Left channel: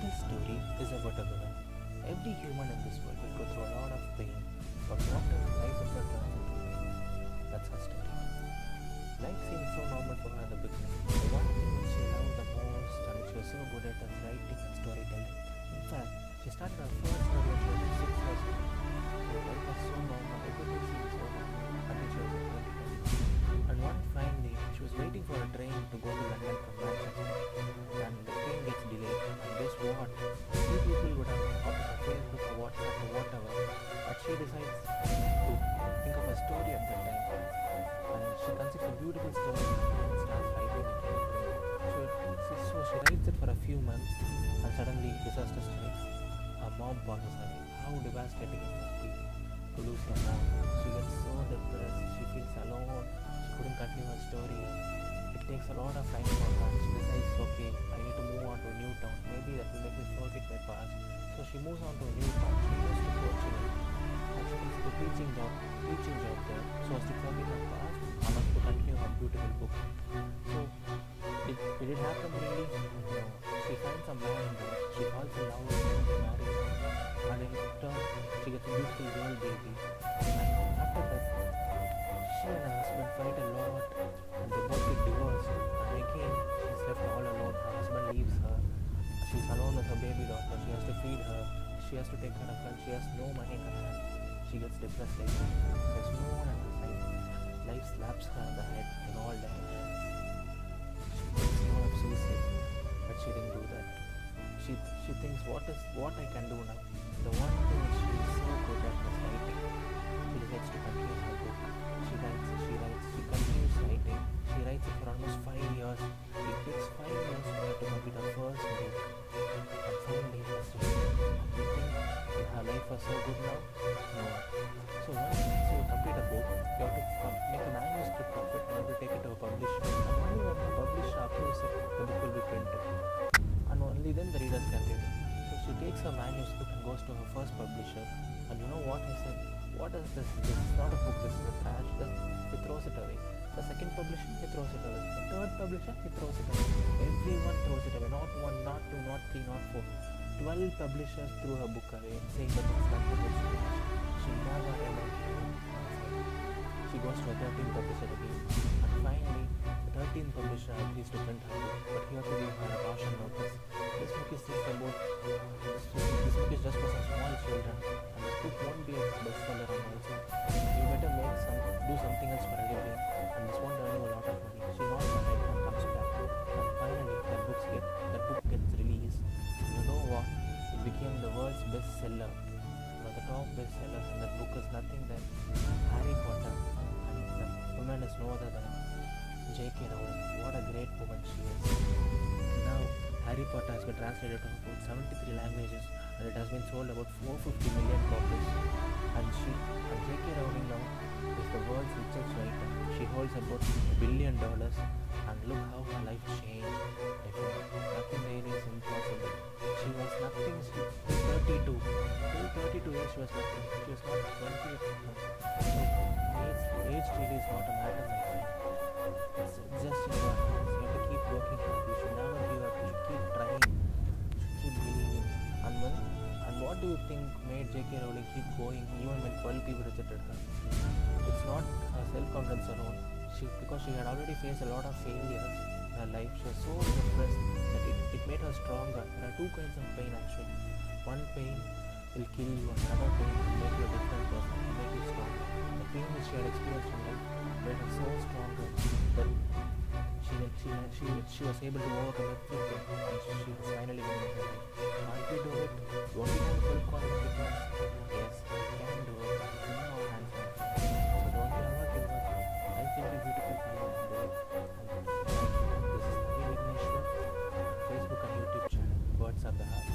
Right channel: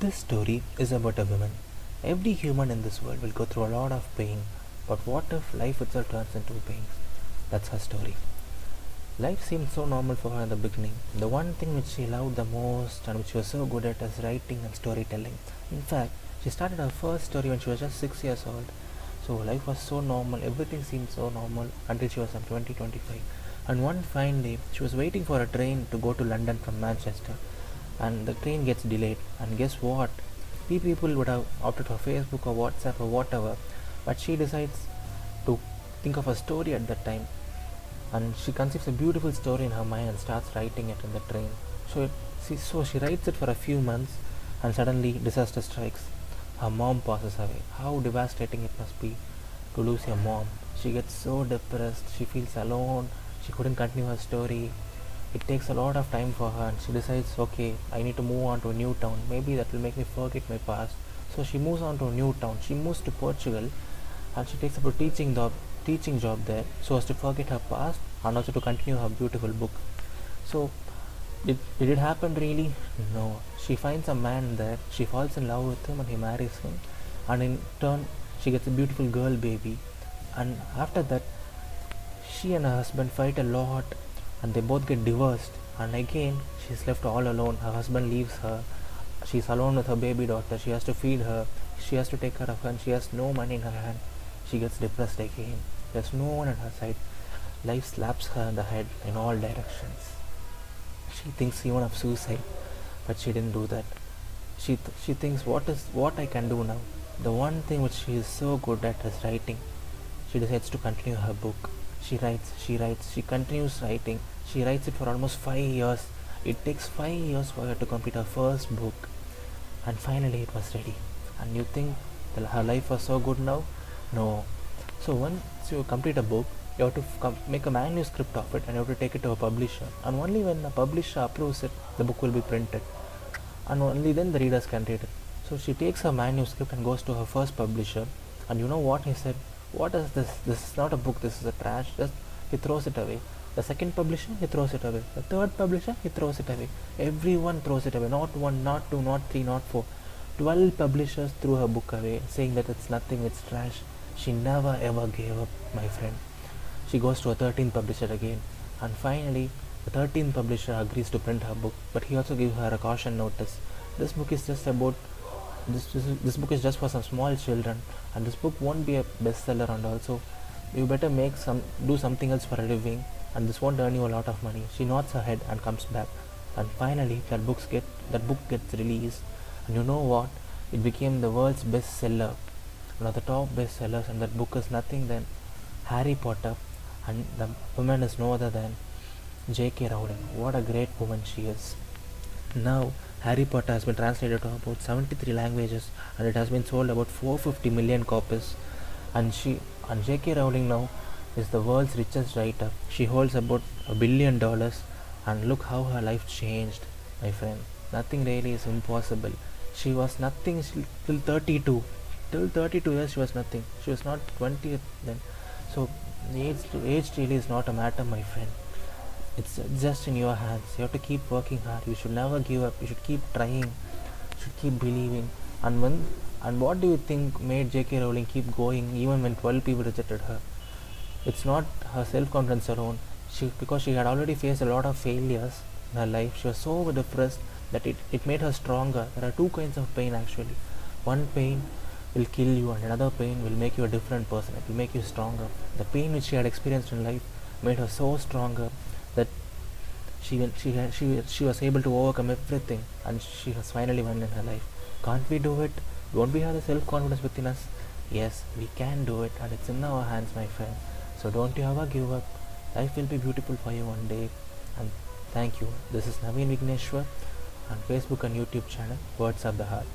This story is about a woman. Every human in this world will go through a lot of pain, but what if life itself turns into pain? That's her story. Life seemed so normal for her in the beginning. The one thing which she loved the most and which she was so good at is writing and storytelling. In fact, she started her first story when she was just 6 years old. So life was so normal, everything seemed so normal until she was in 2023. And one fine day, she was waiting for a train to go to London from Manchester. And the train gets delayed. And guess what? Three people would have opted for Facebook or WhatsApp or whatever. But she decides to think of a story at that time. And she conceives a beautiful story in her mind and starts writing it in the train. So she writes it for a few months, and suddenly disaster strikes. Her mom passes away. How devastating it must be to lose your mom. She gets so depressed, she feels alone, she couldn't continue her story. It takes a lot of time for her, and she decides, okay, I need to move on to a new town. Maybe that will make me forget my past. So she moves on to a new town. She moves to Portugal, and she takes up a teaching job there so as to forget her past and also to continue her beautiful book. So did it happen really? No. She finds a man there, she falls in love with him and he marries him, and in turn she gets a beautiful girl baby. And after that, she and her husband fight a lot and they both get divorced, and again she's left all alone. Her husband leaves her, she's alone with her baby daughter. She has to feed her, she has to take care of her, and she has no money in her hand. She gets depressed again. There's no one at her side. Life slaps her in the head in all directions. She thinks even of suicide, but she didn't do that. She thinks, what I can do now? The one thing which she is so good at is writing. She decides to continue her book. She writes, she continues writing. She writes it for almost 5 years. It takes 5 years for her to complete her first book. And finally it was ready. And you think, well, her life was so good now? No. So once you complete a book, you have to make a manuscript of it and you have to take it to a publisher. And only when a publisher approves it, the book will be printed. And only then the readers can read it. So she takes her manuscript and goes to her first publisher. And you know what he said? What is this? This is not a book, this is a trash. He throws it away. The second publisher, he throws it away. The third publisher, he throws it away. Everyone throws it away. Not one, not two, not three, not four. 12 publishers threw her book away, saying that it's nothing, it's trash. She never ever gave up, my friend. She goes to a 13th publisher again, and finally the 13th publisher agrees to print her book, but he also gives her a caution notice. This book is just about this book is just for some small children, and this book won't be a bestseller, and also you better do something else for a living, and this won't earn you a lot of money. She nods her head and comes back, and finally that book gets released. And you know what? It became the world's bestseller, one of the top bestsellers, and that book is nothing than Harry Potter, and the woman is no other than J.K. Rowling. What a great woman she is. Now Harry Potter has been translated to about 73 languages, and it has been sold about 450 million copies. And J.K. Rowling now is the world's richest writer. She holds about $1 billion, and look how her life changed, my friend. Nothing really is impossible. She was nothing till 32. Till 32 years she was nothing. She was not 20 then. So age really is not a matter, my friend. It's just in your hands. You have to keep working hard. You should never give up. You should keep trying. You should keep believing. And what do you think made J.K. Rowling keep going even when 12 people rejected her? It's not her self-confidence alone. Because she had already faced a lot of failures in her life, she was so depressed that it made her stronger. There are two kinds of pain actually. One pain will kill you, and another pain will make you a different person. It will make you stronger. The pain which she had experienced in life made her so stronger that she was able to overcome everything, and she has finally won in her life. Can't we do it? Don't we have the self-confidence within us? Yes, we can do it, and it's in our hands, my friend. So don't you ever give up. Life will be beautiful for you one day. And thank you. This is Naveen Vigneshwar on Facebook and YouTube channel Words of the Heart.